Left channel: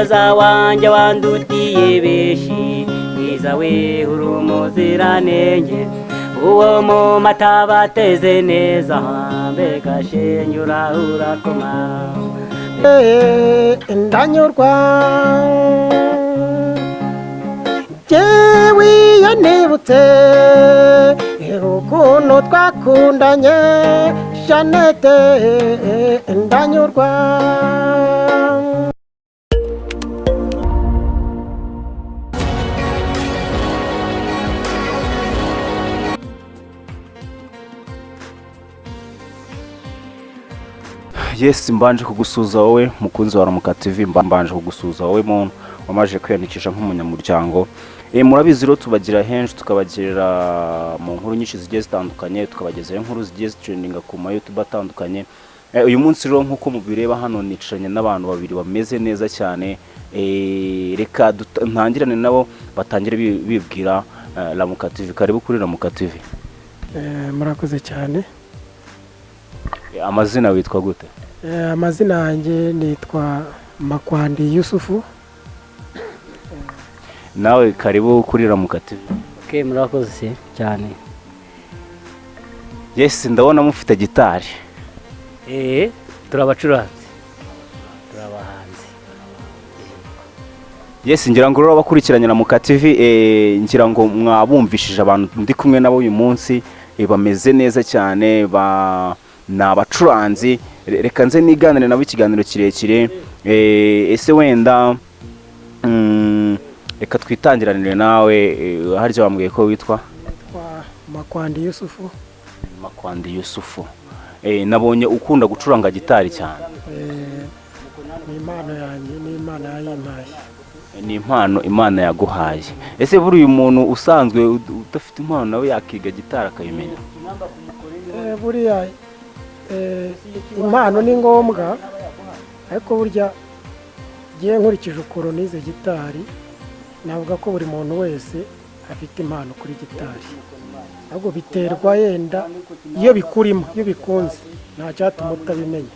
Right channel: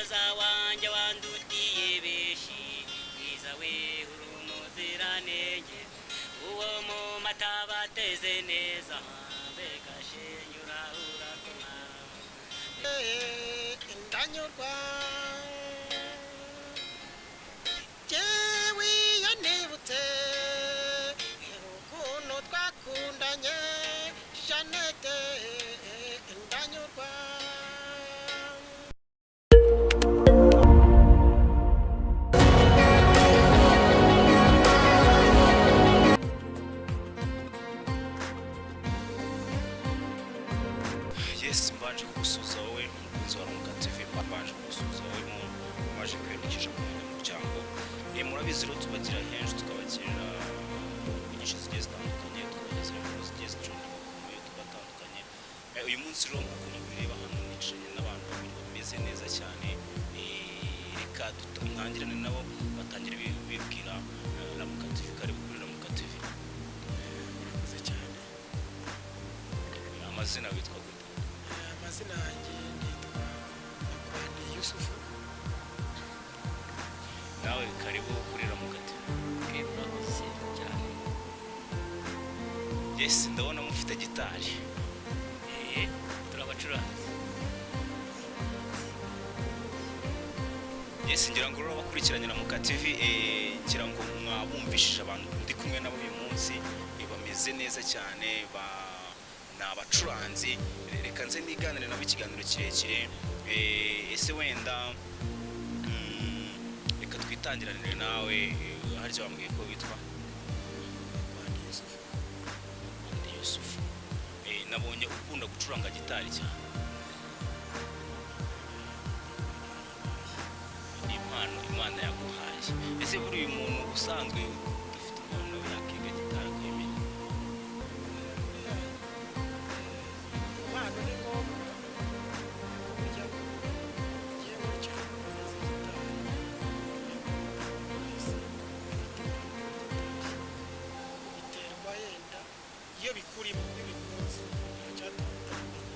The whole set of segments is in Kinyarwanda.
Oza wanje wandutiye beshi mwiza we urumuziranenge uwo mu mata bateze neza mbega shenyura urakoma ndanyurwa jewe yanibutse ukuntu twakundanye Jeannette ndanyurwa. Yes, mbanje kugusuza wowe mukunzi wa Ramuka TV, mbanje kugusuza wowe muntu wamaje kwiyandikisha nk'umunyamuryango. Murabizi rero tubagira henshi, tukabagirira mu nkuru nyinshi zigiye zitandukanye, tukabagezaho inkuru zigiye zitrendinga ku ma YouTube atandukanye. Uyu munsi rero nkuko mubireba hano nicanye n'abantu babiri bameze neza cyane. Reka ntangirane nabo batangire bibwira Ramuka TV. Karibu kuri Ramuka TV. Murakoze cyane. Amazina witwa gute? Amazina yanjye nitwa Makwandi Yusufu. Nawe karibu kuri Ramuka TV. ke murakoze cyane. Yes, ndabona mufite gitari. Turabacuranzi. Turabahanzi. Yes, ngira ngo rero abakurikiranye Ramuka TV ngira ngo mwabumvishije abantu ndi kumwe nabo uyu munsi bameze neza cyane n'abacuranzi. Reka nze niganire nabo ikiganiro kirekire. Ese wenda reka twitangiranire nawe haryo bambwiye ko witwa Makwandi Yusufu. Makwandi Yusufu. Nabonye ukunda gucuranga gitari cyane. Ni impano yanjye, ni impano yayimpaye. Ni impano Imana yaguhaye. Ese buri uyu muntu usanzwe udafite impano nawe yakiga gitari akayimenya? Buriya impano ni ngombwa, ariko burya giye nkurikije ukuntu nize gitari navuga ko buri muntu wese afite impano kuri gitari, ahubwo biterwa yenda iyo bikurimo, iyo bikunze nta cyatuma utabimenya,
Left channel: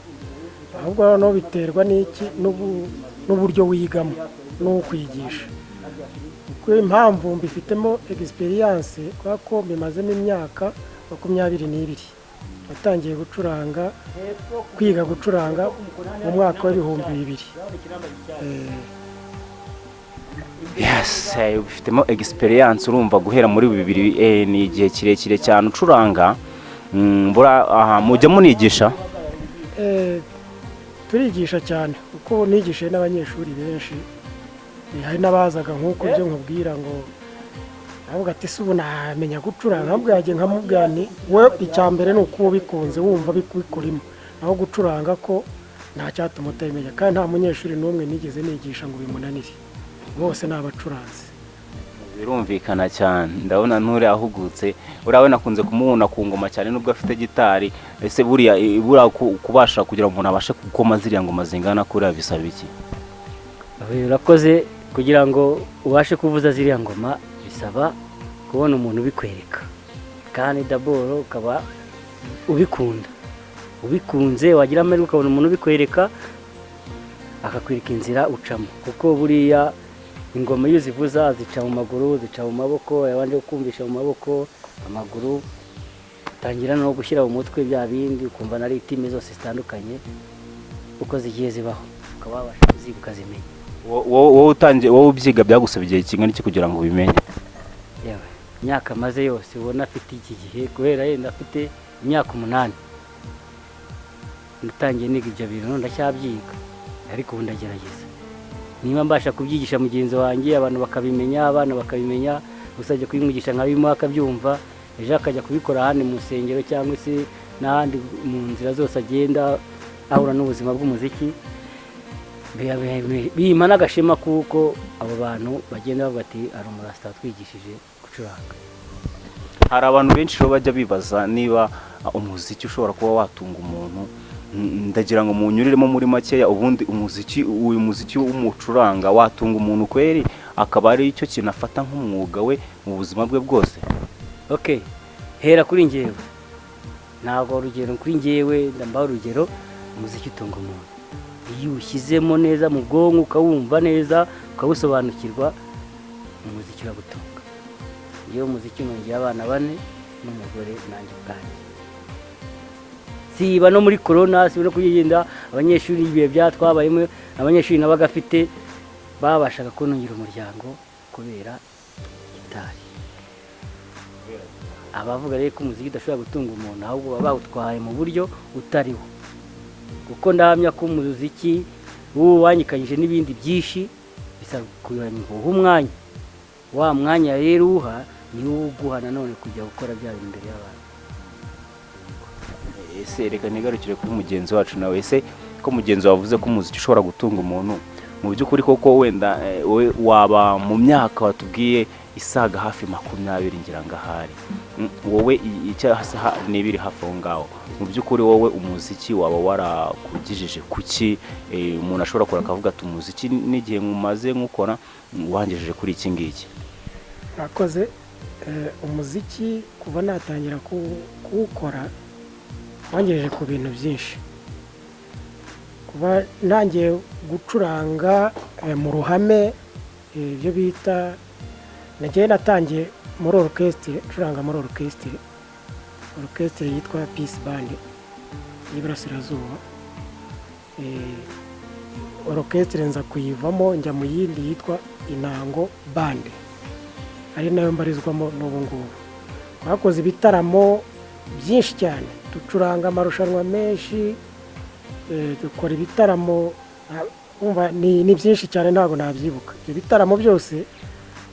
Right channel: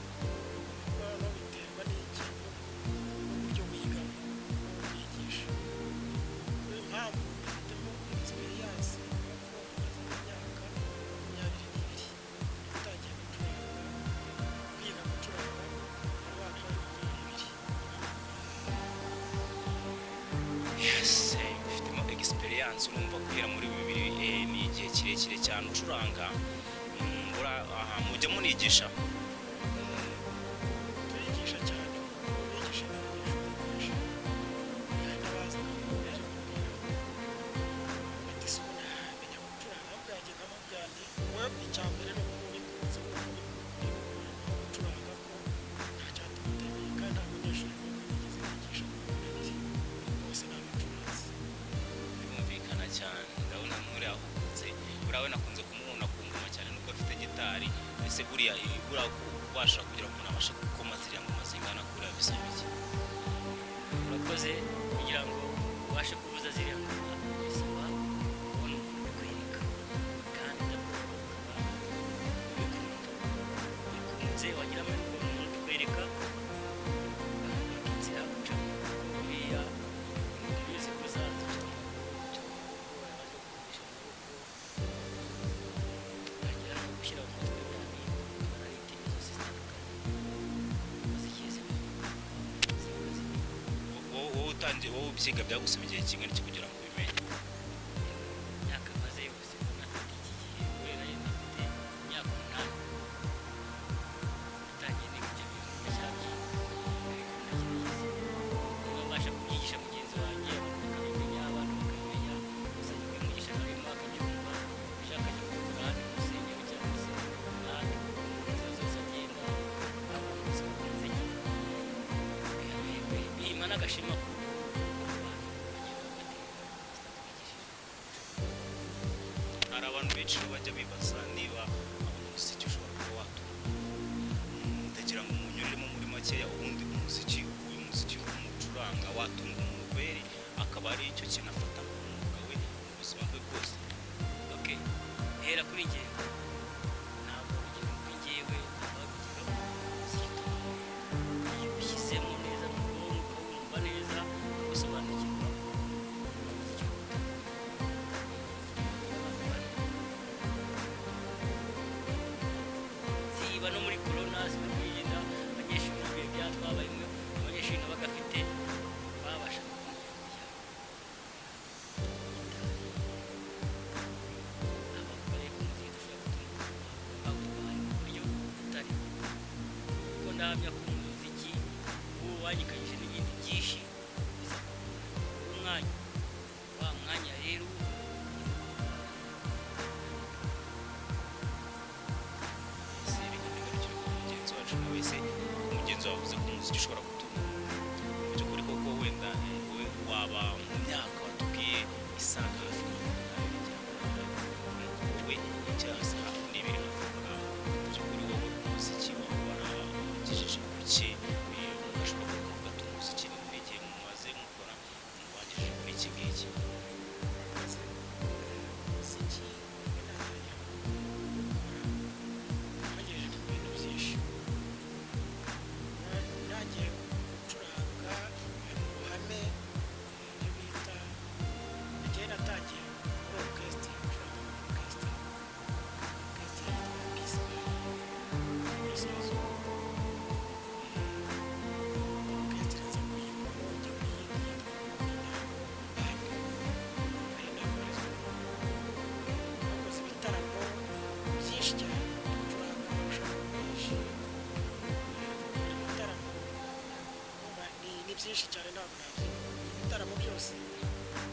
ahubwo no biterwa n'iki n'uburyo wigamo n'ukwigisha. Kuko impamvu mbifitemo experience kubera ko bimazemo imyaka 22 natangiye gucuranga, kwiga gucuranga mu mwaka wa 2000. Yes, ufitemo experience, urumva guhera muri 2000 ni igihe kirekire cyane ucuranga. Aha mujya munigisha? Turigisha cyane kuko nigishe n'abanyeshuri benshi. Hari nabazaga nkuko byo nkubwira ngo avuga ati se ubu namenya gucuranga, nabwaje nkamubwira ni we icyambere ni uko bikunze wumva bikurimo, aho gucuranga ko nta cyatuma utamenya. Kandi nta munyeshuri n'umwe nigeze nigisha ngo bimunanire, bose n'abacuranzi. Birumvikana cyane, ndabona nture ahugutse. Urawe nakunze kumubona ku ngoma cyane nubwo afite gitari. Ese buriya kubasha kugira umuntu abashe gukoma ziriya ngoma zingana kuri bisaba iki? Urakoze. Kugira ngo ubashe kuvuza ziriya ngoma bisaba kubona umuntu ubikwereka, kandi daboro ukaba ubikunda, ubikunze wagira amahirwe ukabona umuntu ubikwereka akakwereka inzira ucamo. Kuko buriya ingoma iyo zivuza zica mu maguru, zica mu maboko, yabanje kumvisha mu maboko, amaguru tangira no gushyira mu mutwe bya bindi ukumva na ritime zose zitandukanye uko zigiye zibaho, ukaba wabasha kuziga ukazimenya. wowe ubyiga byagusaba igihe kingana iki kugira ngo ubimenye? Imyaka maze yose ubona afite iki gihe, kubera yenda afite imyaka 8 natangiye niga ibyo bintu, ndacyabyiga ariko ubu ndagerageza. Niba mbasha kubyigisha mugenzi wanjye abantu bakabimenya, abana bakabimenya, usajye kubimwigisha nk'abimo akabyumva, ejo akajya kubikora handi mu nsengero cyangwa se n'ahandi mu nzira zose agenda ahura n'ubuzima bw'umuziki. Bimana agashema kuko abo bantu bagenda bavuga ati ari umurasta twigishije gucuranga. Hari abantu benshi rero bajya bibaza niba umuziki ushobora kuba watunga umuntu. Ndagira ngo munyuriremo muri makeya, ubundi uyu muziki w'umucuranga watunga umuntu kweri akaba ari icyo kintu afata nk'umwuga we mu buzima bwe bwose? Okay, hera kuri njyewe, ntabwo urugero kuri njyewe ndambaho urugero umuziki utunga umuntu. iyo ushyizemo neza mu bwonko ukawumva neza ukawusobanukirwa umuziki uragutunga. iyo umuziki nongeye abana 4 n'umugore nanjye ubwanjye. Siba no muri corona, siba no kugenda abanyeshuri ibihe byatwabayemo, abanyeshuri nabagafite babashaga kunungira umuryango kubera gitari. Abavuga rero ko umuziki udashobora gutunga umuntu ahubwo baba bawutwaye mu buryo utariho, kuko ndahamya ko umuziki wanyikanyije n'ibindi byinshi bisaba kuyoha umwanya. Wa mwanya rero uha niwo uguha nanone kujya gukora bya bintu imbere y'abantu. Ese reka nigarukire kuri mugenzi wacu nawe. Ese ko mugenzi wavuze ko umuziki ushobora gutunga umuntu, mu by'ukuri koko wenda we waba mu myaka watubwiye isaga hafi 20 ngira ngahari, wowe icyahasa n'ibiri hafi aho ngaho, mu by'ukuri wowe umuziki waba warakugijije kuki umuntu ashobora kora akavuga ati umuziki n'igihe mumaze nkukora wangejeje kuri iki ngiki? Akoze umuziki kuva natangira kuwukora wangejeje ku bintu byinshi. Kuba nangiye gucuranga mu ruhame, ibyo bita nagiye natangiye muri orchestre, curanga muri orchestre yitwa Peace Band y'Iburasirazuba. Orchestre nza kuyivamo njya mu yindi yitwa Intango Band, ari nayo mbarizwamo n'ubu ngubu. Bakoze ibitaramo byinshi cyane, ducuranga amarushanwa menshi, dukora ibitaramo ni byinshi cyane ntabwo nabyibuka. Ibyo bitaramo byose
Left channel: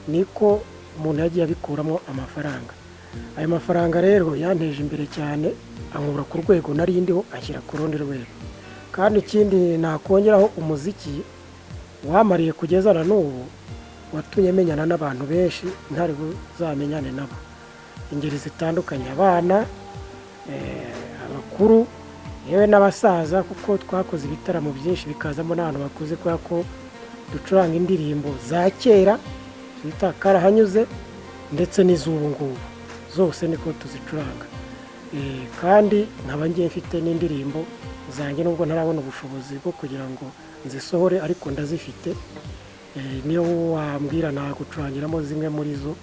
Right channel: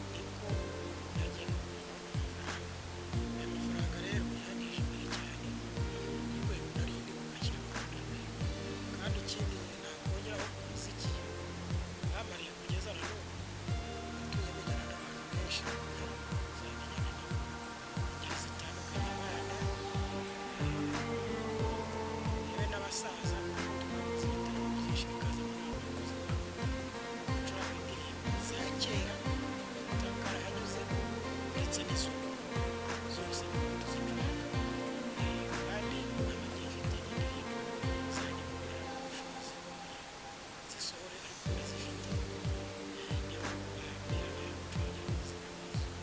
niko umuntu yagiye abikuramo amafaranga. Ayo mafaranga rero yanteje imbere cyane, ankura ku rwego nari ndiho ashyira ku rundi rwego. Kandi ikindi nakongeraho, umuziki wamariye kugeza na n'ubu watumye menyana n'abantu benshi ntari buzamenyane nabo, ingeri zitandukanye, abana, abakuru, yewe n'abasaza, kuko twakoze ibitaramo byinshi bikazamo n'abantu bakuze, kubera ko ducuranga indirimbo za kera bita karahanyuze ndetse n'iz'ubu ngubu zose niko tuzicuranga. Kandi nkaba ngiye mfite n'indirimbo zanjye nubwo ntarabona ubushobozi bwo kugira ngo nzisohore, ariko ndazifite. Niyo wambwira nagucurangiramo zimwe muri zo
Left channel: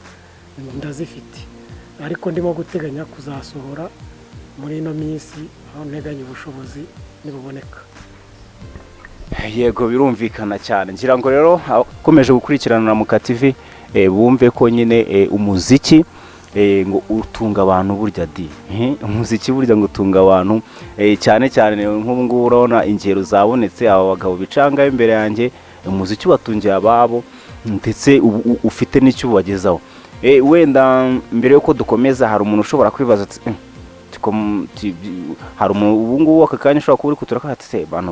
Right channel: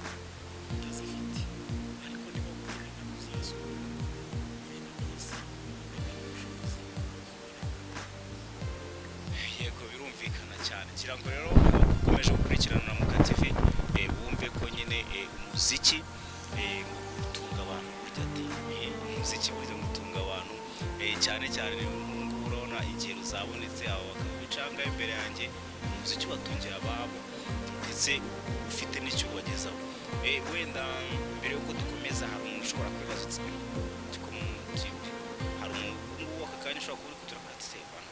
ndazifite, ariko ndimo guteganya kuzasohora muri ino minsi aho nteganya ubushobozi nibuboneka. Yego, birumvikana cyane. Ngira ngo rero akomeje gukurikirana na Muka TV bumve ko nyine umuziki ngo utunga abantu burya di. Umuziki burya ngo utunga abantu cyane cyane nk'ubu ngubu urabona ingero zabonetse, aba bagabo bicanga imbere yanjye, umuziki watungiye ababo ndetse ufite n'icyo ubagezaho. Wenda mbere yuko dukomeza, hari umuntu ushobora kwibaza ati hari ubu ngubu aka kanya ushobora kuba uri kuturaka ati se bantu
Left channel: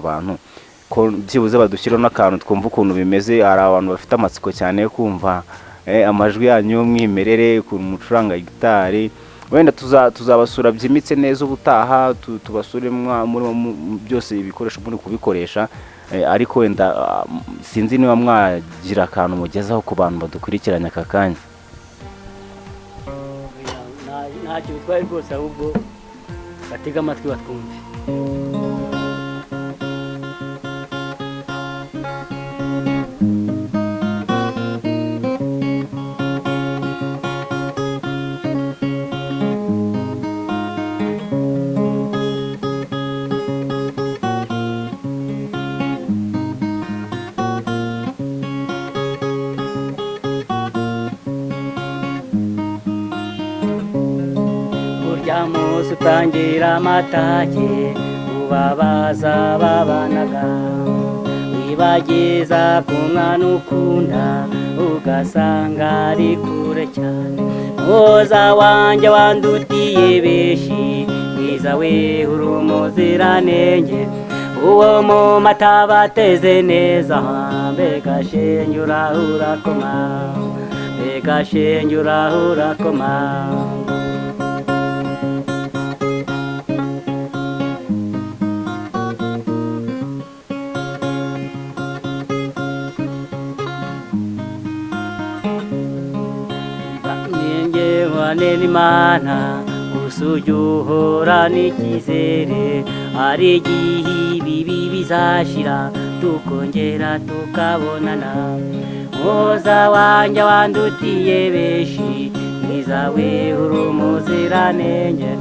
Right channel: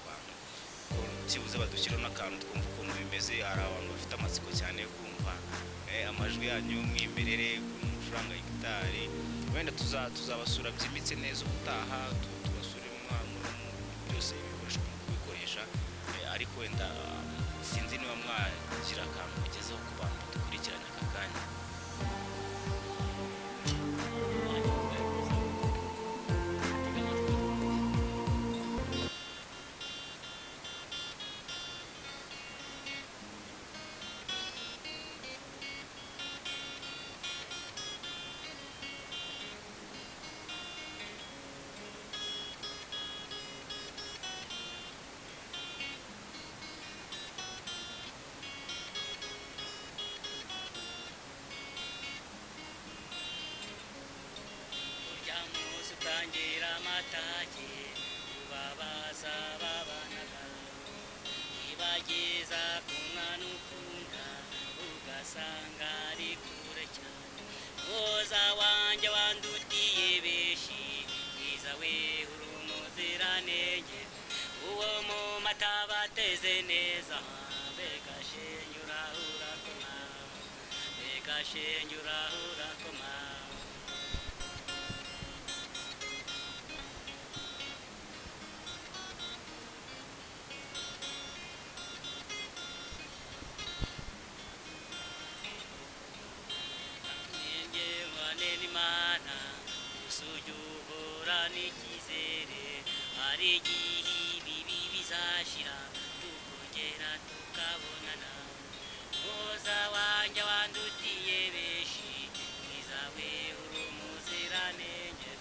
ko byibuze badushyiraho n'akantu twumva ukuntu bimeze. Hari abantu bafite amatsiko cyane yo kumva amajwi yanyu y'umwimerere, ukuntu mucuranga gitari. Wenda tuzabasura byimitse neza ubutaha, tubasure muri byose ibikoresho muri kubikoresha, ariko wenda sinzi niba mwagira akantu mugezaho ku bantu badukurikiranye aka kanya. Ntacyo bitwaye rwose, ahubwo batega amatwi batwumve. Musi utangira amatage ubabaza babanaga, wibagiza ku mwana ukunda ugasanga ari kure cyane. Muza wanjye wandutiye beshi, mwiza we uri umuziranenge, uwo mu mata bateze neza. Mbega shenge urakoma, mbega shenge urakoma. N'Imana usujuhora n'ikizere, hari igihe ibibi bizashira tukongera tukabonana. Muhoza wanjye wandutiye benshi, mwiza we uri umuziranenge,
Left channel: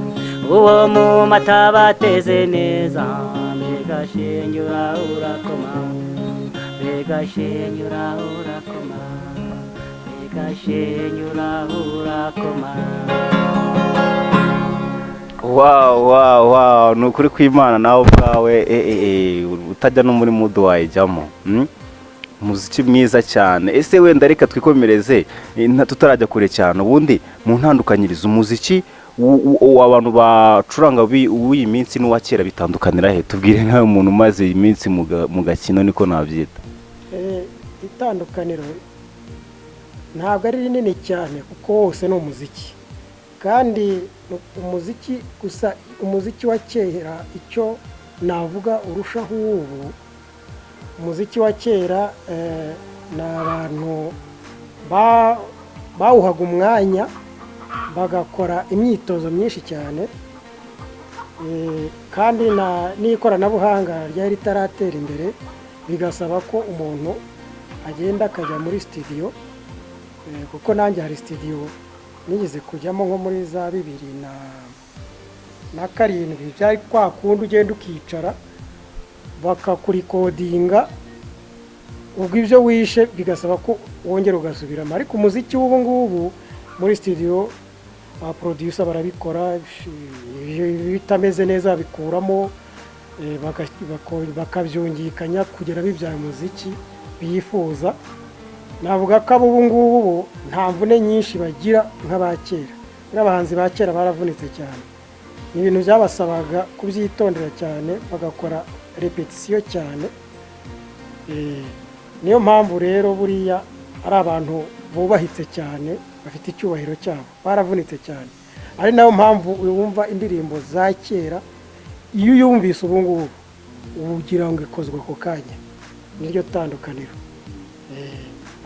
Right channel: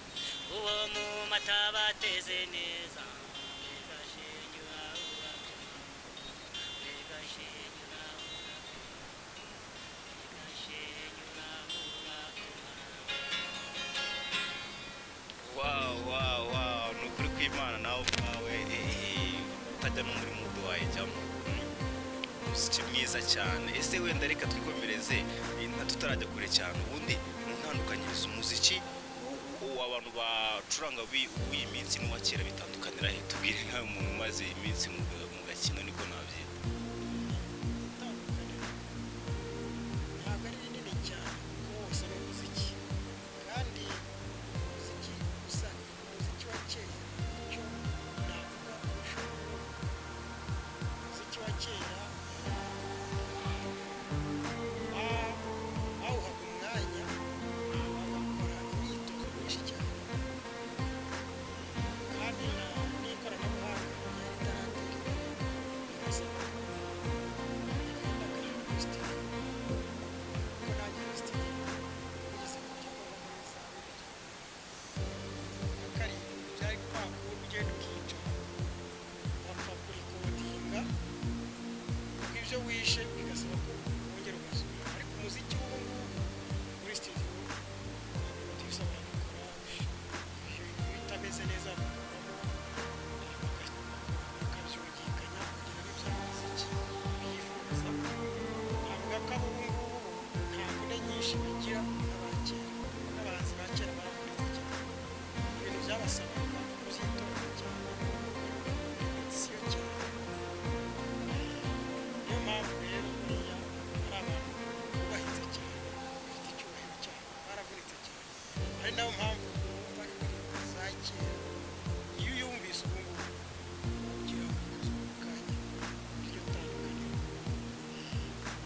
uwo mu mata bateze neza. Mbega shenge urakoma, mbega shenge urakoma, mbega shenge urakoma. Wow, ni ukuri kw'Imana nawe ubwawe utajya no muri mudu wayijyamo. Umuziki mwiza cyane. Ese wenda reka twikomereze tutarajya kure cyane, ubundi mu ntandukanyirizo umuziki abantu bacuranga w'iyi minsi n'uwa kera bitandukanira he? Tubwire nkawe umuntu umaze iyi minsi mu gakino, niko nabyita. Itandukaniro ntabwo ari rinini cyane kuko wose ni umuziki, kandi umuziki gusa umuziki wa kera icyo navuga urushaho ubu, umuziki wa kera ni abantu bawuhaga umwanya bagakora imyitozo myinshi cyane, kandi n'ikoranabuhanga ryari ritaratera imbere bigasaba ko umuntu agenda akajya muri studio, kuko nanjye hari studio nigeze kujyamo nko muri za 2007 byari kwa kundi ugenda ukicara bakakurikodinga, ubwo ibyo wishe bigasaba ko wongera ugasubiramo. Ariko umuziki w'ubu ngubu muri studio ba producer barabikora, bitameze neza bikuramo bakabyungikanya kugera bibyara umuziki bifuza. Navuga ko ubu ngubu nta mvune nyinshi bagira nk'abakera. N'abahanzi ba kera baravunitse cyane, ni ibintu byabasabaga kubyitondera cyane, bagakora repetition cyane. Niyo mpamvu rero buriya ari abantu bubahitse cyane, bafite icyubahiro cyabo, baravunitse cyane. Ari nayo mpamvu wumva indirimbo za kera iyo uyumvise ubu ngubu ugira ngo ikozwe ako kanya, niryo tandukaniro.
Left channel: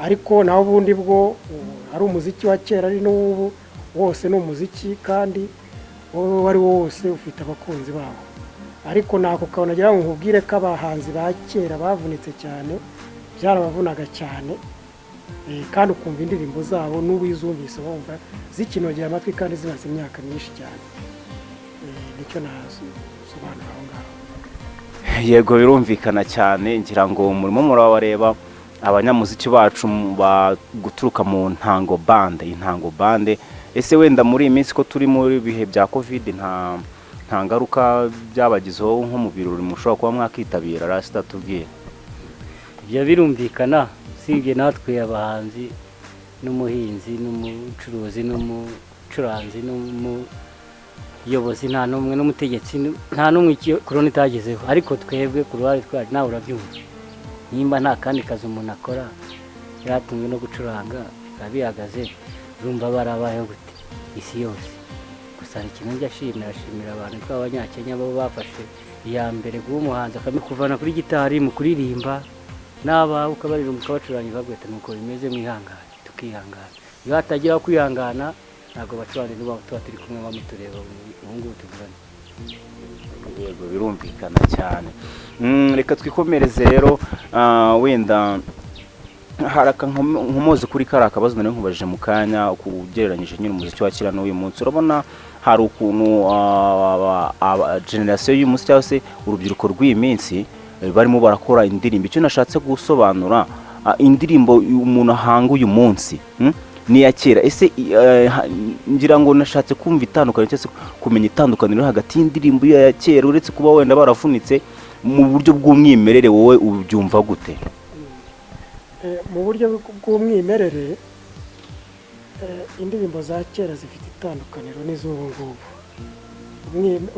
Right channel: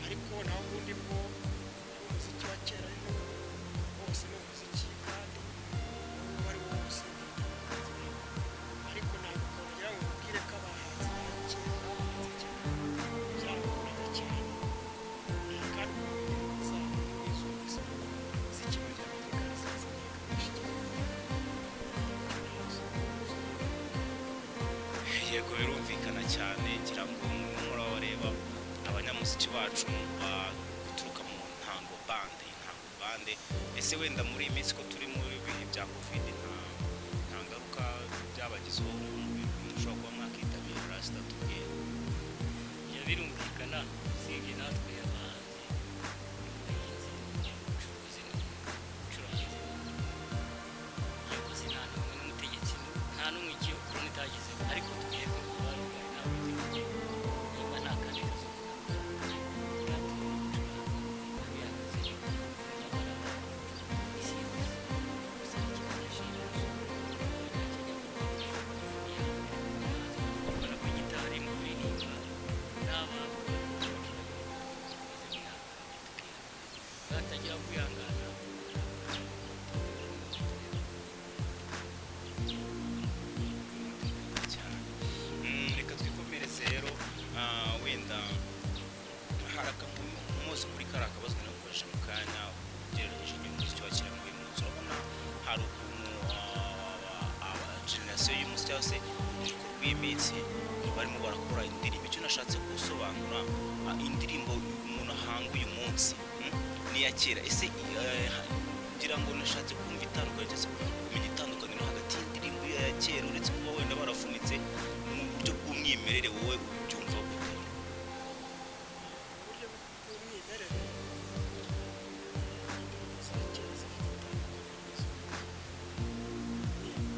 Ariko naho ubundi bwo ari umuziki wa kera ari n'ubu wose ni umuziki, kandi wowe wari wose ufite abakunzi babo. Ariko nako kabonagira ngo nkubwire ko abahanzi ba kera bavunitse cyane, byarabavunaga cyane, kandi ukumva indirimbo zabo n'ubizumvise wumva zikinogera amatwi kandi zimaze imyaka myinshi cyane. Nicyo nasobanura aho ngaho. Yego, birumvikana cyane. Ngira ngo murimo murabareba abanyamuziki bacu guturuka mu Ntango Bande. Ese wenda muri iyi minsi ko turi muri bihe bya covid, nta ngaruka byabagizeho nko mu birori mushobora kuba mwakitabira? Rasta tubwire. Ibyo birumvikana, usibye natwe abahanzi n'umuhinzi n'umucuruzi n'umucuranzi n'umuyobozi nta n'umwe n'umutegetsi nta n'umwe korona itagezeho. Ariko twebwe ku ruhare twacu nawe urabyumva, nimba nta kandi kazi umuntu akora yatumwe no gucuranga bihagaze, urumva barabayeho gute isi yose. Gusa ikintu ashimira abantu b'Abanyakenya bo bafashe iya mbere guha umuhanzi akamikuvana kuri gitari mu kuririmba, n'aba ukabaririmba ukabacuranga bagweta nuko bimeze mwihangane, tukihangana. Iyo hatagira kwihangana ntabwo bacuranga n'ubu tuba turi kumwe bamutureba ubu ngubu tuvugana. Yego, birumvikana cyane. Reka twikomereze rero, wenda haraka nkomoze kuri kari akabazo nari nkubajije mu kanya kugereranyije nyine umuziki wa kera n'uyu munsi. Urabona hari ukuntu generation y'umunsi cyangwa se urubyiruko rw'iyi minsi barimo barakora indirimbo. Icyo nashatse gusobanura, indirimbo umuntu ahanga uyu munsi ni ya kera. Ese ngira ngo nashatse kumva itandukaniro cyangwa se kumenya itandukaniro hagati y'indirimbo ya kera, uretse kuba wenda baravunitse mu buryo bw'umwimerere, wowe ubyumva gute? Mu buryo bw'umwimerere indirimbo za kera zifite itandukaniro n'iz'ubu ngubu.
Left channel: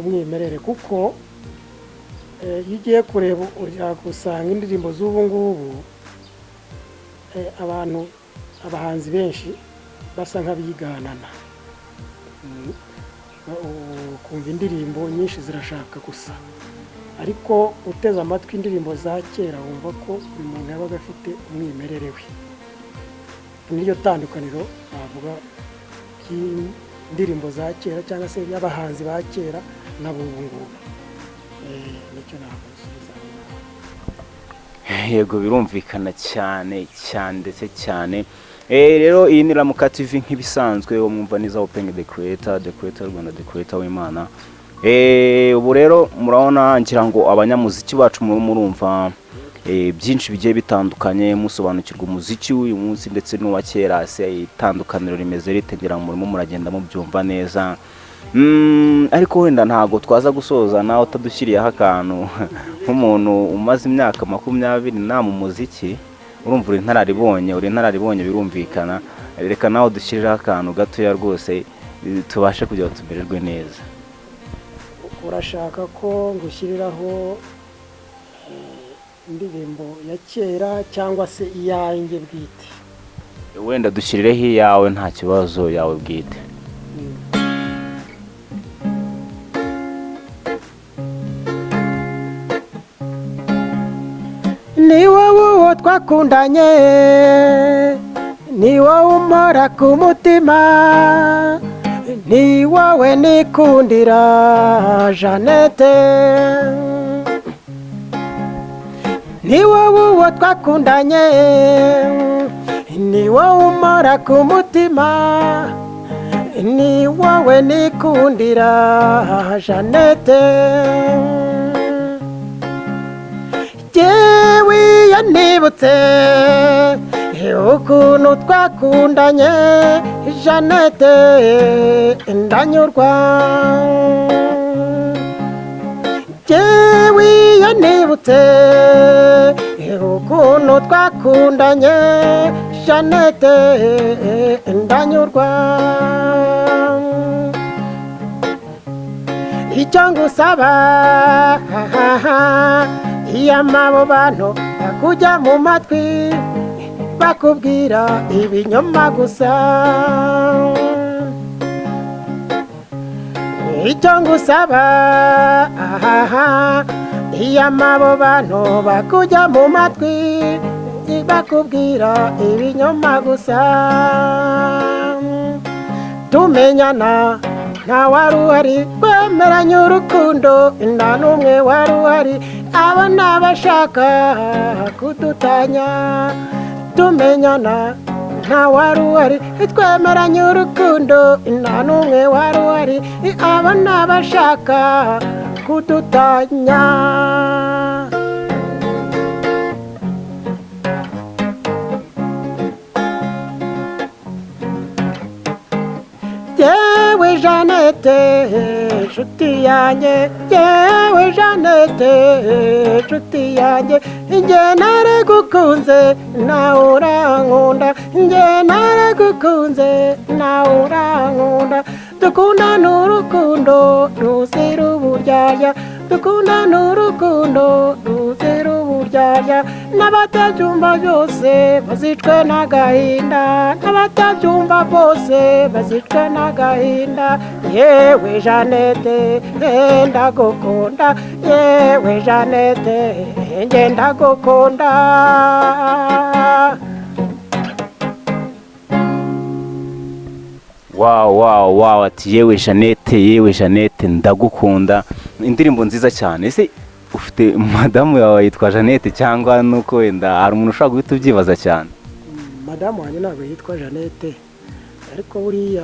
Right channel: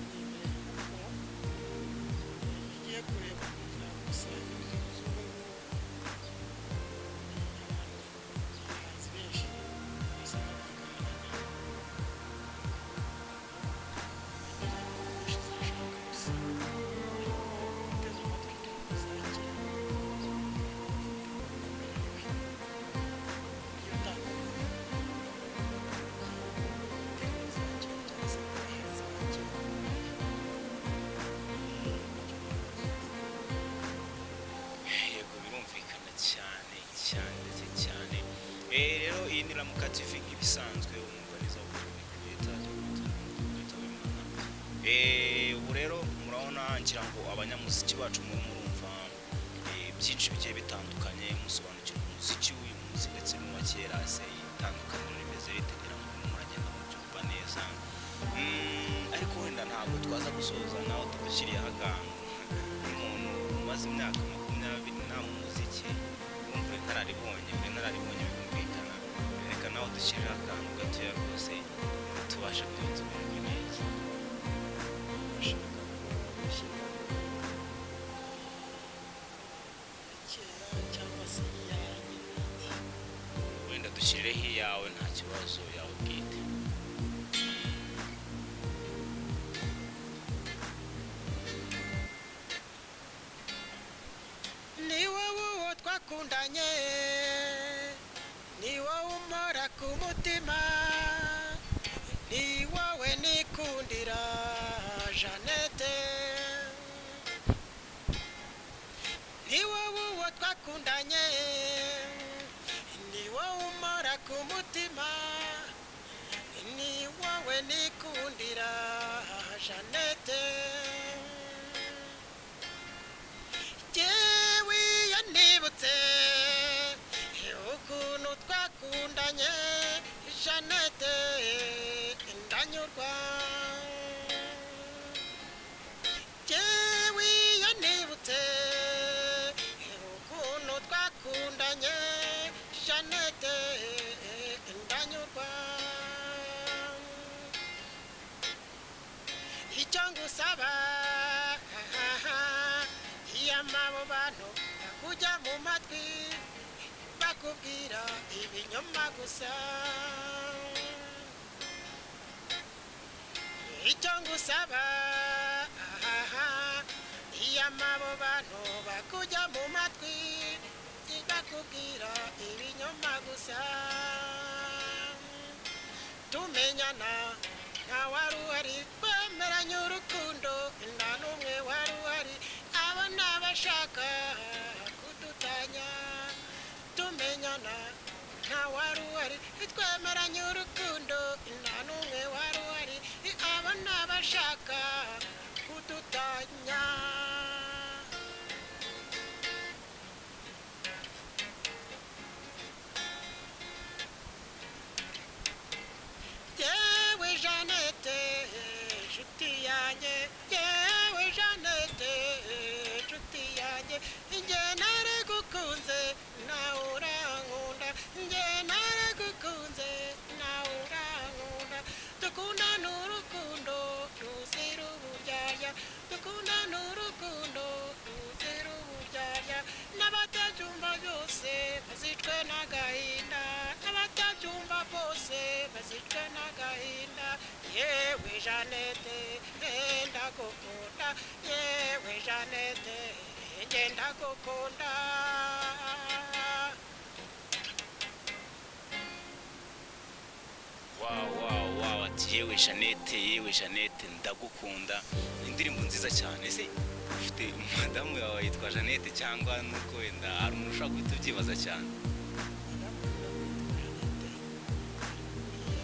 Umwimerere kuko iyo ugiye kureba usanga indirimbo z'ubu ngubu abahanzi benshi basa nk'abiganana. Kumva indirimbo nyinshi zirashaka gusa, ariko uteze amatwi indirimbo za kera wumva ko umuntu yabaga afite umwimerere we. Niryo tandukaniro bavuga y'indirimbo za kera cyangwa se y'abahanzi ba kera n'abubu ngubu. yego birumvikana cyane cyane ndetse cyane. Rero iyi ni Ramuka TV nk'ibisanzwe wo mwumva niza Open the Creator Rwanda, the creator w'Imana. Ubu rero murabona ngira ngo abanyamuziki bacu murumva byinshi bigiye bitandukanye, musobanukirwa umuziki w'uyu munsi ndetse n'uwa kera, se itandukaniro rimeze ritegera mu murimo muragenda mubyumva neza. Ariko wenda ntago twaza gusoza nawe utadushyiriyeho akantu nk'umuntu umaze imyaka 20 na mu muziki, urumva uri ntararibonye birumvikana. Reka nawe dushyiriraho akantu gatoya rwose tubashe kugira tumererwe neza. Urashaka ko ngushyiriraho indirimbo ya kera cyangwa se iyanjye bwite? Wenda dushyirireho iyawe nta kibazo, yawe bwite. Ni wowe uwo twakundanye, ni wowe umpora ku mutima, ni wowe nikundira Jeannette. Ni wowe uwo twakundanye, ni wowe umpora ku mutima, ni wowe nikundira Jeannette. Jewe yanibutse ukuntu twakundanye Jeannette, ndanyurwa. Jewe yanibutse ukuntu twakundanye Jeannette, ndanyurwa. Icyo ngusaba iyamabo bantu bakujya mu matwi bakubwira ibinyoma gusa. Icyo ngusaba iyamabo bantu bakujya mu matwi bakubwira ibinyoma gusa. Tumenyana nta wari uhari, twemeranye urukundo nta n'umwe wari uhari, abo ni abashaka kudutanya. Tumenyana nta wari uhari, twemeranye urukundo nta n'umwe wari uhari, abo ni abashaka kudutanya. Yewe Jeannette nshuti yanjye, yewe Jeannette nshuti yanjye, njye naragukunze nawe urankunda, njye naragukunze nawe urankunda. Dukundana urukundo ruzira uburyarya, dukundana urukundo ruzira uburyarya. N'abatabyumva byose bazicwe n'agahinda, n'abatabyumva bose bazicwe n'agahinda. Yewe Jeannette ndagukunda, yewe Jeannette njye ndagukunda. Wow, ati yewe Jeannette ndagukunda. Indirimbo nziza cyane. Ese ufite madamu yawe yitwa Jeannette cyangwa nuko wenda hari umuntu ushaka guhita ubyibaza cyane? Madamu wanjye ntabwo yitwa Jeannette, ariko buriya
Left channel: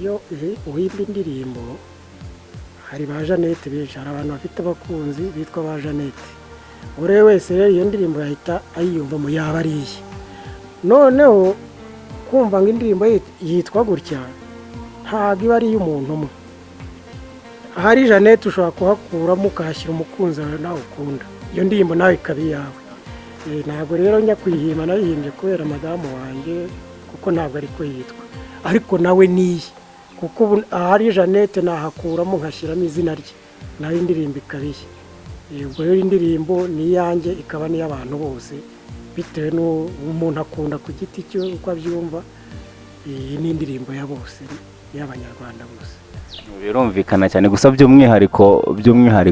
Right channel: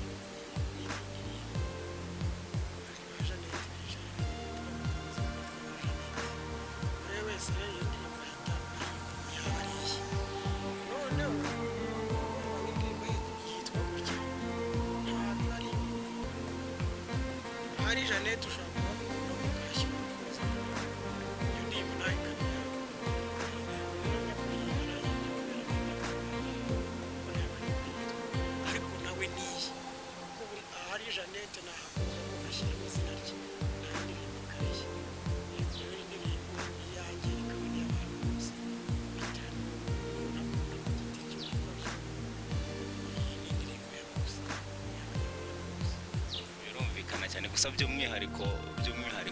iyo uhimba indirimbo hari ba Jeannette benshi, hari abantu bafite abakunzi bitwa ba Jeannette. Buri wese rero iyo ndirimbo yahita ayiyumva mu yaba ari iye. Noneho kumva ngo indirimbo yitwa gutya ntabwo iba ari iy'umuntu umwe. Ahari Jeannette ushobora kuhakuramo ukahashyira umukunzi wawe nawe ukunda, iyo ndirimbo nawe ikaba iyawe. Ntabwo rero njya kuyihimba, nayihimbye kubera madamu wanjye kuko ntabwo ariko yitwa, ariko nawe niye, kuko ubu ahari Jeannette nahakuramo nkashyiramo izina rye, nawe indirimbo ikaba iye. Ubwo rero indirimbo ni iyanjye ikaba n'iy'abantu bose bitewe n'umuntu akunda ku giti cye uko abyumva. Iyi ni indirimbo ya bose, y'abanyarwanda bose. Birumvikana cyane, gusa by'umwihariko ubwira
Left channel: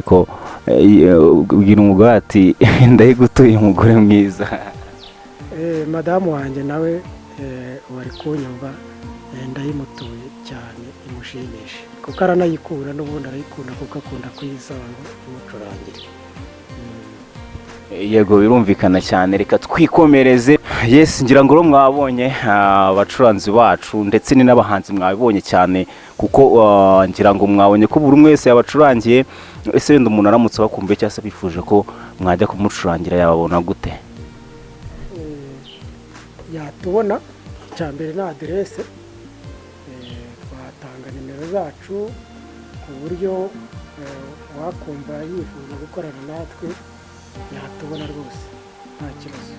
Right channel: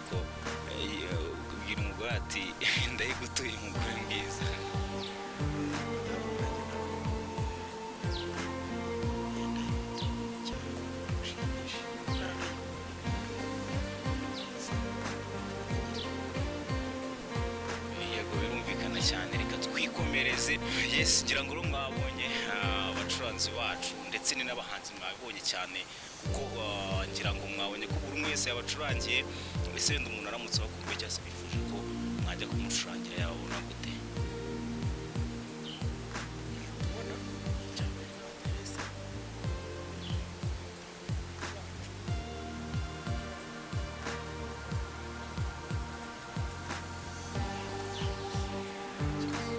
umugore ati ndayigutuye umugore mwiza. Madamu wanjye nawe wari kunyumva, ndayimutuye cyane imushimishe kuko aranayikunda, n'ubundi arayikunda kuko akunda kuyisaba umucurangire. yego birumvikana cyane, reka twikomereze. Yes, ngira ngo mwabonye abacuranzi bacu ndetse ni n'abahanzi mwabibonye cyane, kuko ngira ngo mwabonye ko buri umwe wese yabacurangiye. Ese wenda umuntu aramutse bakumbuye cyangwa se bifuje ko mwajya kumucurangira yababona gute? yatubona icya mbere na aderese, twatanga nimero zacu ku buryo wakumva yifuza gukorana natwe yatubona rwose nta kibazo.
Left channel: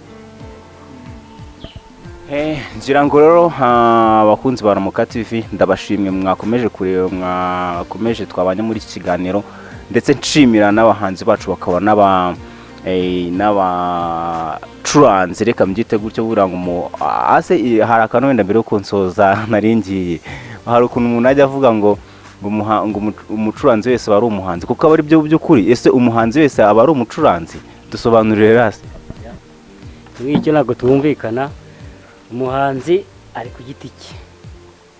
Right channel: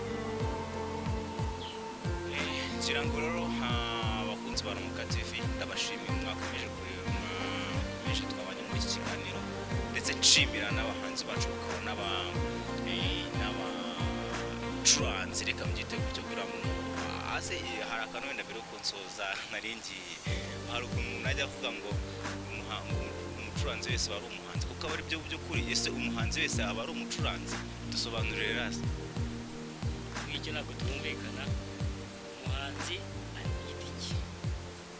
Ngira ngo rero abakunzi ba Ramuka TV ndabashimye, mwakomeje kureba, mwakomeje twabanye muri iki kiganiro, ndetse nshimira n'abahanzi bacu bakaba n'abacuranzi, reka mbyite gutyo. Buriya ngo ase hari akantu wenda mbere yo kunsoza naringiye, hari ukuntu umuntu ajya avuga ngo umucuranzi wese aba ari umuhanzi, kuko aba ari byo by'ukuri. Ese umuhanzi wese aba ari umucuranzi? Dusobanurire rasi. Icyo ntabwo tumvikana. Umuhanzi ari ku giti cye,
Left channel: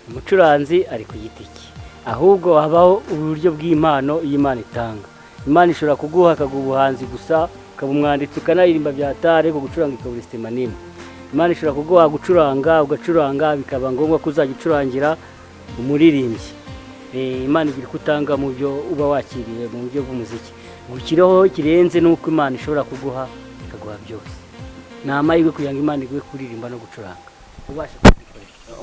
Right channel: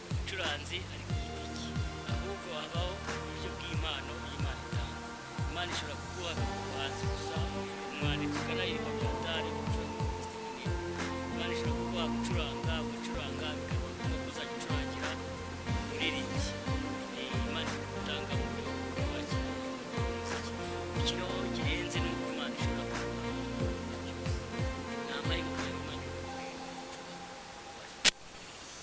umucuranzi ari ku giti cye, ahubwo habaho uburyo bw'impano y'Imana itanga. Imana ishobora kuguha akaguha ubuhanzi gusa, ukaba umwanditsi ukanaririmba byatare, ko gucuranga ikaba isitema nini. Imana ishobora kuguha gucuranga, ugacuranga bikaba ngombwa ko uzajya ucurangira umuririmbyi. Imana igira kutanga mu byo uba wakiriye mu buryo bw'umuziki. Ukiriho kirenze nuko Imana ishobora kuguha ikaguha byose. Ni amahirwe kugira ngo Imana iguhe kuririmba no gucuranga.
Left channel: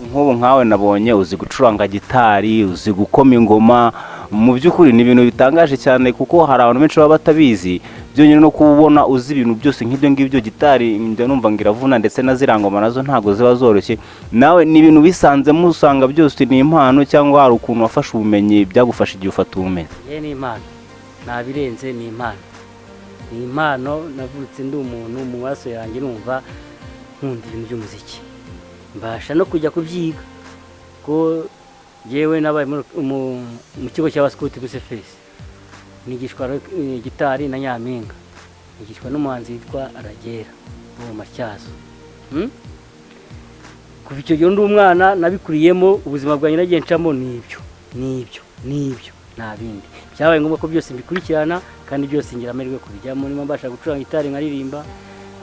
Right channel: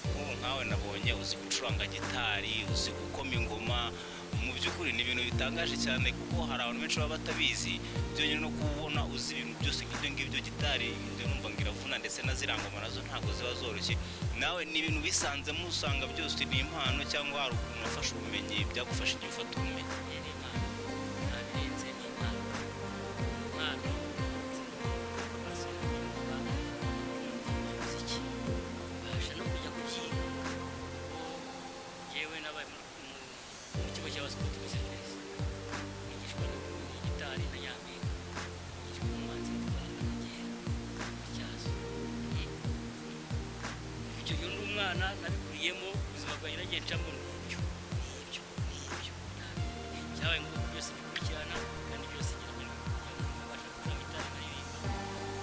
Nk'ubu nkawe nabonye uzi gucuranga gitari, uzi gukoma ingoma. Mu by'ukuri ni ibintu bitangaje cyane, kuko hari abantu benshi baba batabizi. Byonyine no kubona uzi ibintu byose nk'ibyo ngibyo, gitari njya numva ngo iravuna, ndetse na zirangoma nazo ntago ziba zoroshye. Nawe ni ibintu bisanzemo, usanga byose ni impano, cyangwa hari ukuntu wafashe ubumenyi byagufasha igihe ufata ubumenyi? Ni impano, nta birenze, ni impano. Ni impano, navutse ndi umuntu mu maso yanjye numva nkunda ibintu by'umuziki, mbasha no kujya kubyiga, ko yewe nabaye mu kigo cy'abaskuti Rusefesi, nigishwa gitari na Nyampinga, nigishwa n'umuhanzi witwa Aragera mu Matyazo. Kuva icyo gihe ndi umwana nabikuriyemo, ubuzima bwanjye nagiye ncamo nibyo nta bindi. Byabaye ngombwa ko byose mbikurikirana, kandi byose ngira amahirwe kubijyamo. Niba mbasha gucuranga gitari nkaririmba,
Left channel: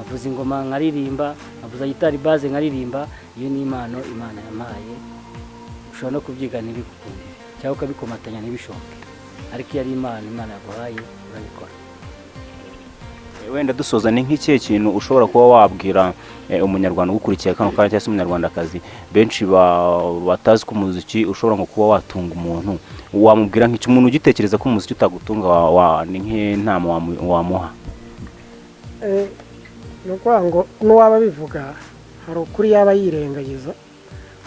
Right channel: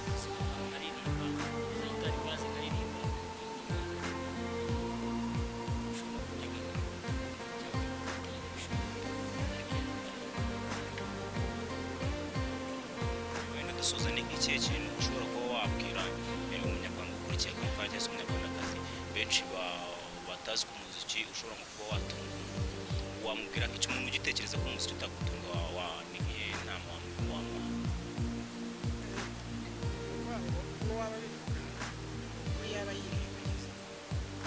avuza ingoma nkaririmba, avuza gitari baze nkaririmba, iyo ni impano Imana yampaye. Ushobora no kubyiga ntibikukundire, cyangwa ukabikomatanya ntibishoboke, ariko iyo ari Imana yaguhaye urabikora. Wenda dusoza, ni nk'ikihe kintu ushobora kuba wabwira umunyarwanda ugukurikiye kano kanya, cyangwa se umunyarwandakazi benshi batazi ko umuziki ushobora nko kuba watunga umuntu? Wamubwira nk'icyo umuntu ugitekereza ko umuziki utagutunga, ni nk'inama wamuha? Ni ukuvuga ngo n'uwaba bivuga hari ukuri yaba yirengagiza,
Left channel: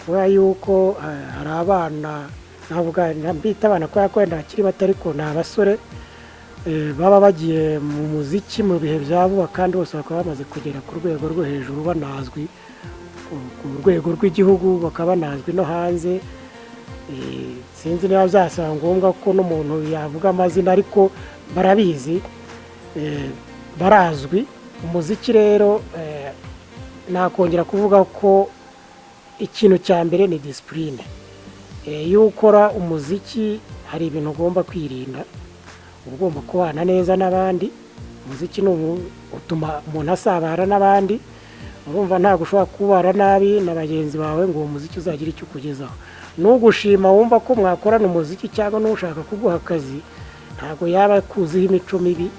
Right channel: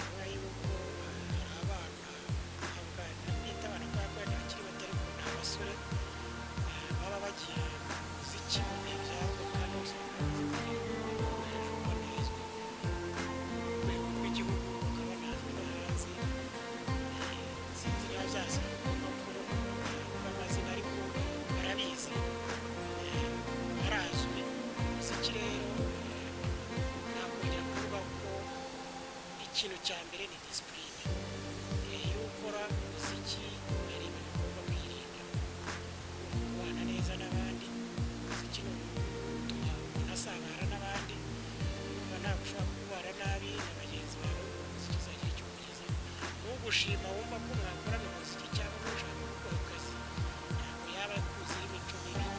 kubera yuko hari abana, navuga mbita abana kubera ko wenda bakiri bato, ariko ni abasore baba bagiye mu muziki mu bihe bya vuba, kandi bose bakaba bamaze kugera ku rwego rwo hejuru, banazwi ku rwego rw'igihugu, bakaba banazwi no hanze. Sinzi niba byasaba ngombwa ko n'umuntu yavuga amazina, ariko barabizi, barazwi. Umuziki rero nakongera kuvuga ko ikintu cya mbere ni disipurine. Iyo ukora umuziki hari ibintu ugomba kwirinda, ugomba kubana neza n'abandi. Umuziki utuma umuntu asabana n'abandi, urumva ntabwo ushobora kubara nabi na bagenzi bawe ngo uwo muziki uzagira icyo ukugezaho. N'ugushima wumva ko mwakorana umuziki, cyangwa n'ushaka kuguha akazi, ntabwo yaba akuziho imico mibi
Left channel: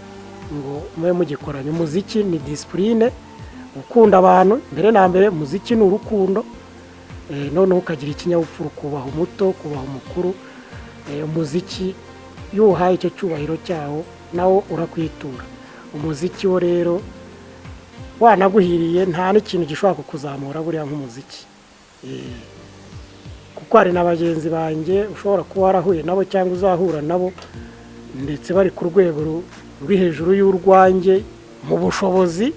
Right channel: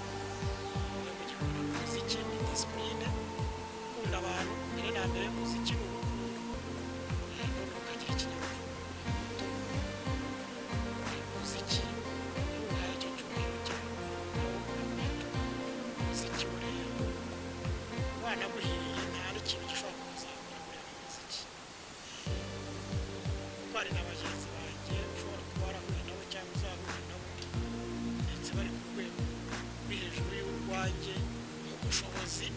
ngo mube mugikorana. Umuziki ni disipurine, ukunda abantu mbere na mbere. Umuziki ni urukundo, noneho ukagira ikinyabupfura, kubaha umuto, kubaha umukuru. Umuziki iyo uhaye icyo cyubahiro cyawo, nawo urakwitura. Umuziki wo rero wanaguhiriye, nta n'ikintu gishobora kukuzamura buriya nk'umuziki. Kuko hari na bagenzi banjye ushobora kuba warahuye nabo cyangwa uzahura nabo, ndetse bari ku rwego ruri hejuru y'urwanjye mu bushobozi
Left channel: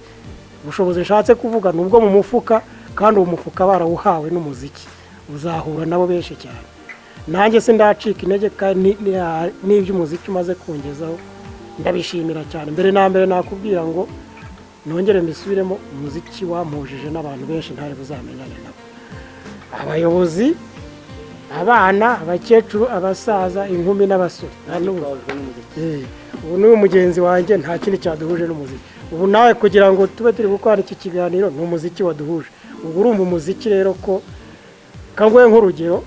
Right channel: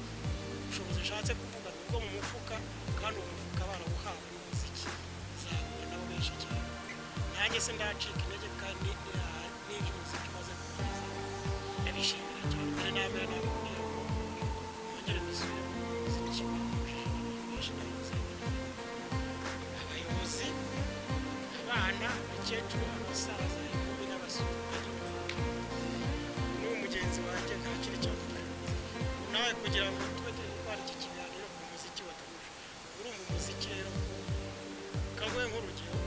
nshatse kuvuga nubwo mu mufuka, kandi uwo mufuka barawuhawe n'umuziki. Uzahura nabo benshi cyane. Nanjye se ndacika intege, kandi n'iby'umuziki umaze kungezaho ndabishimira cyane. Mbere na mbere nakubwira ngo nongere mbisubiremo, umuziki wampujije n'abantu benshi ntari buzamenyane nabo. Abayobozi, abana, abakecuru, abasaza, inkumi n'abasore. Ubu ni mugenzi wanjye, nta kindi cyaduhuje n'umuziki. ubu nawe kugira ngo tube turi gukora iki kiganiro ni umuziki waduhuje. Ubwo urumva umuziki rero ko kangoye nk'urugero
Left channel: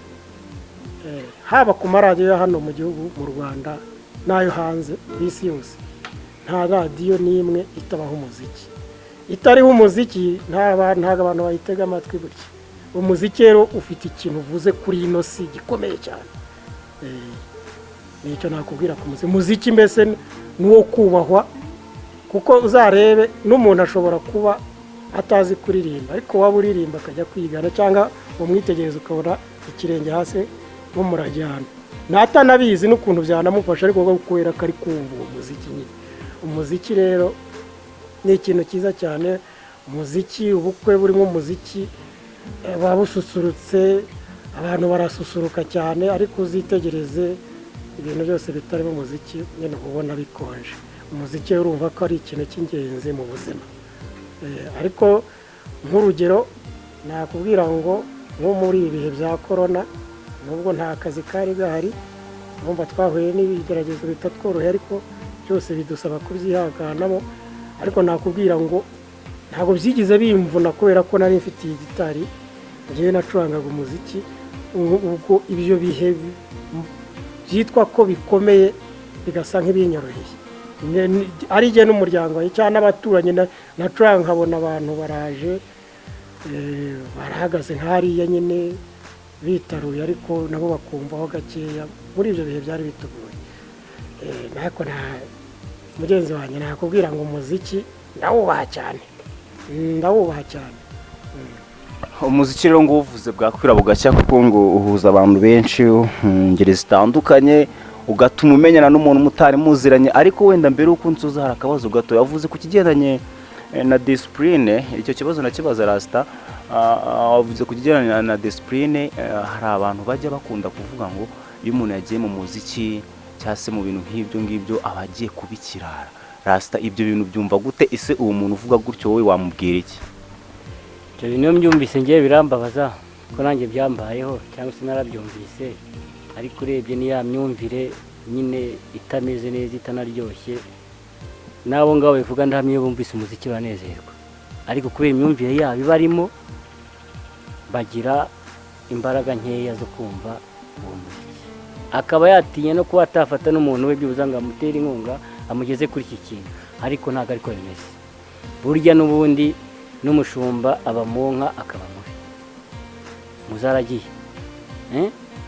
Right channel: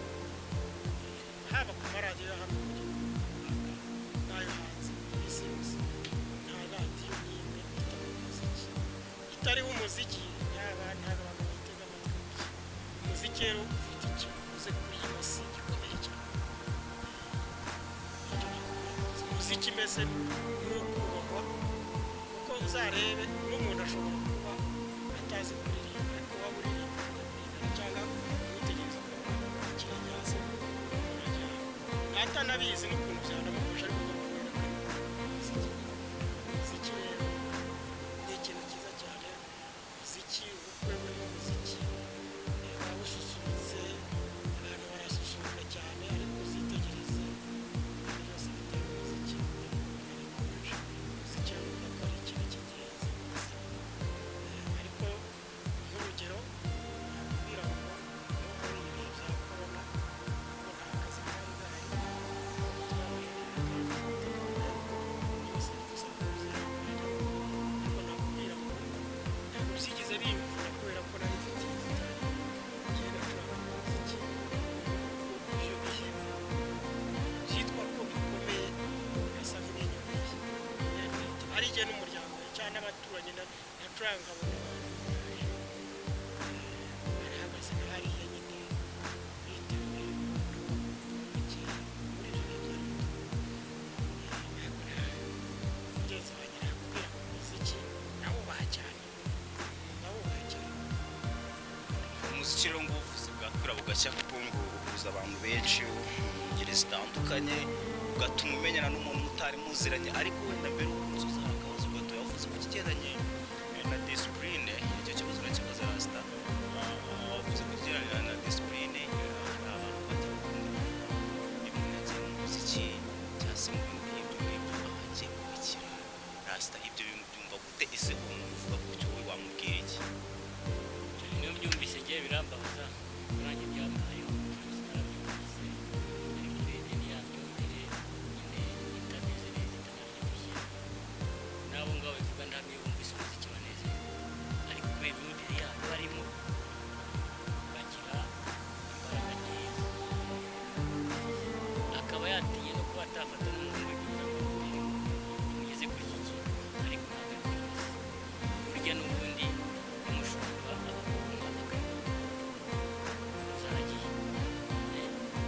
haba ku maradiyo ya hano mu gihugu mu Rwanda n'ayo hanze ku isi yose, nta radiyo n'imwe itabaho umuziki. Itariho umuziki ntabwo abantu bayitega amatwi gutya. Umuziki rero ufite ikintu uvuze kuri ino si gikomeye cyane. Nicyo nakubwira ku muziki. Umuziki mbese ni uwo kubahwa, kuko uzarebe n'umuntu ashobora kuba atazi kuririmba, ariko waba uririmba akajya kwigana cyangwa umwitegereza ukabona ikirenge hasi nk'umurajyana, natanabizi n'ukuntu byanamufasha, ariko kubera ko ari kumva uwo muziki nyine. Umuziki rero ni ikintu cyiza cyane. Umuziki, ubukwe burimo umuziki buba bususurutse, abantu barasusuruka cyane, ariko uzitegereze ibintu byose bitarimo umuziki nyine ubona bikonje. Umuziki urumva ko ari ikintu cy'ingenzi mu buzima. Ariko nk'urugero nakubwira ngo nko muri ibi bihe bya korona, nubwo nta kazi kari gahari, numva twahuye n'ibigeragezo bitatworoheye, ariko byose bidusaba kubyihanganamo. Ariko nakubwira ngo ntabwo byigize bimvuna, kubera ko nari mfitiye gitari ngewe nacurangaga umuziki. Ubwo ibyo bihe byitwa ko bikomeye bigasa nk'ibinyoroheye, ari jye n'umuryango cyangwa n'abaturanyi nacuranga, nkabona abantu baraje barahagaze nk'hariya nyine bitaruye, ariko nabo bakumvaho gakeya. Muri ibyo bihe byari bitugoye. Ariko nta mugenzi wanjye nakubwira ngo umuziki ndawubaha cyane, ndawubaha cyane. Umuziki rero ngo uvuze bwakwira bugacya, kuko ngo uhuza abantu benshi ngeri zitandukanye, ugatuma umenyana n'umuntu mutari muziranye. Ariko wenda mbere uko nsuza hari akabazo gato yavuze ku kigendanye na discipline. Icyo kibazo nakibaza Rasta, wavuze ku kigendanye na discipline. Hari abantu bajya bakunda kuvuga ngo iyo umuntu yagiye mu muziki cyangwa se mu bintu nk'ibyo ngibyo aba agiye kubikirara. Rasta, ibyo bintu byumva gute? Ese uwo muntu uvuga gutyo wowe wamubwira iki? Ibyo bintu mbyumvise ngiye birambabaza, ko nanjye byambayeho cyangwa se narabyumvise. Ariko urebye ni ya myumvire nyine itameze neza, itanaryoshye. Nabo ngabo bivuga ndahamye iyo bumvise umuziki banezerwa, ariko kubera imyumvire yabo ibarimo bagira imbaraga nkeya zo kumva uwo muziki. Akaba yatinya no kuba atafata n'umuntu we byuza ngo amutere inkunga amugeze kuri iki kintu, ariko ntabwo ariko bimeze. Burya n'ubundi n'umushumba aba mu nka akaba mubi, muzaragiye.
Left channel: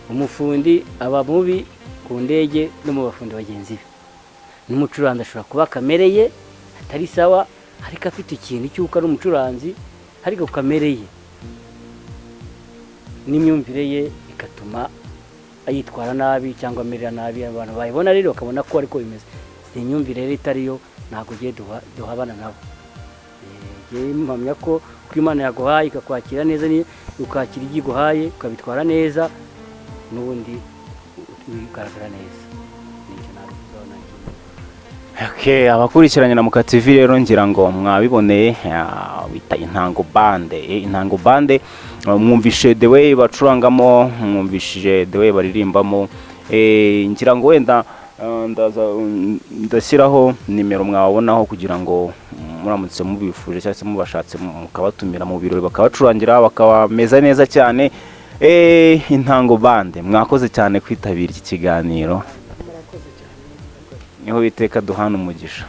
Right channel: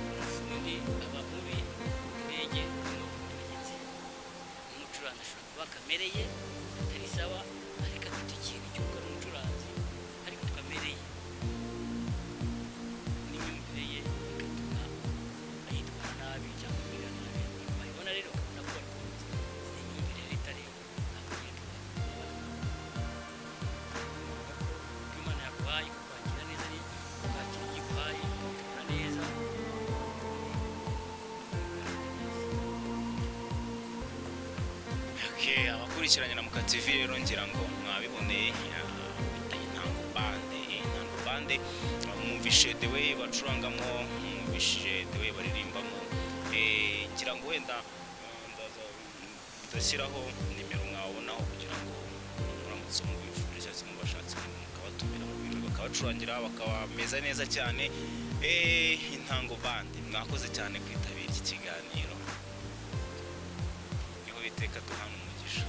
Umufundi aba mubi ku ndege no mu bafundi bagenzi be. N'umucuranzi ashobora kuba kamere ye atari sawa, ariko afite ikintu cy'uko ari umucuranzi, ariko kamere ye n'imyumvire ye igatuma ayitwara nabi cyangwa amerera nabi. Abantu bayibona rero bakabona ko ariko bimeze. Si imyumvire rero itariyo, ntabwo ugiye duhabana nabo. Mpamya ko Imana yaguhaye ikakwakira neza, ukakira ibyo iguhaye ukabitwara neza, n'ubundi bigaragara neza. Abakurikiranye na Muka TV rero ngira ngo mwabiboneye, bita Intango Bande. Intango Bande mwumvishe the way bacurangamo, mwumvishije the way baririmbamo. Ngira ngo wenda ndashyiraho nimero mwabonaho kugira ngo muramutse mubifuje cyangwa se mubashatse mukabatumira mu birori bakabacurangira bakabameza neza cyane. Intango Bande, mwakoze cyane kwitabira iki kiganiro. Niho biteka duhana umugisha.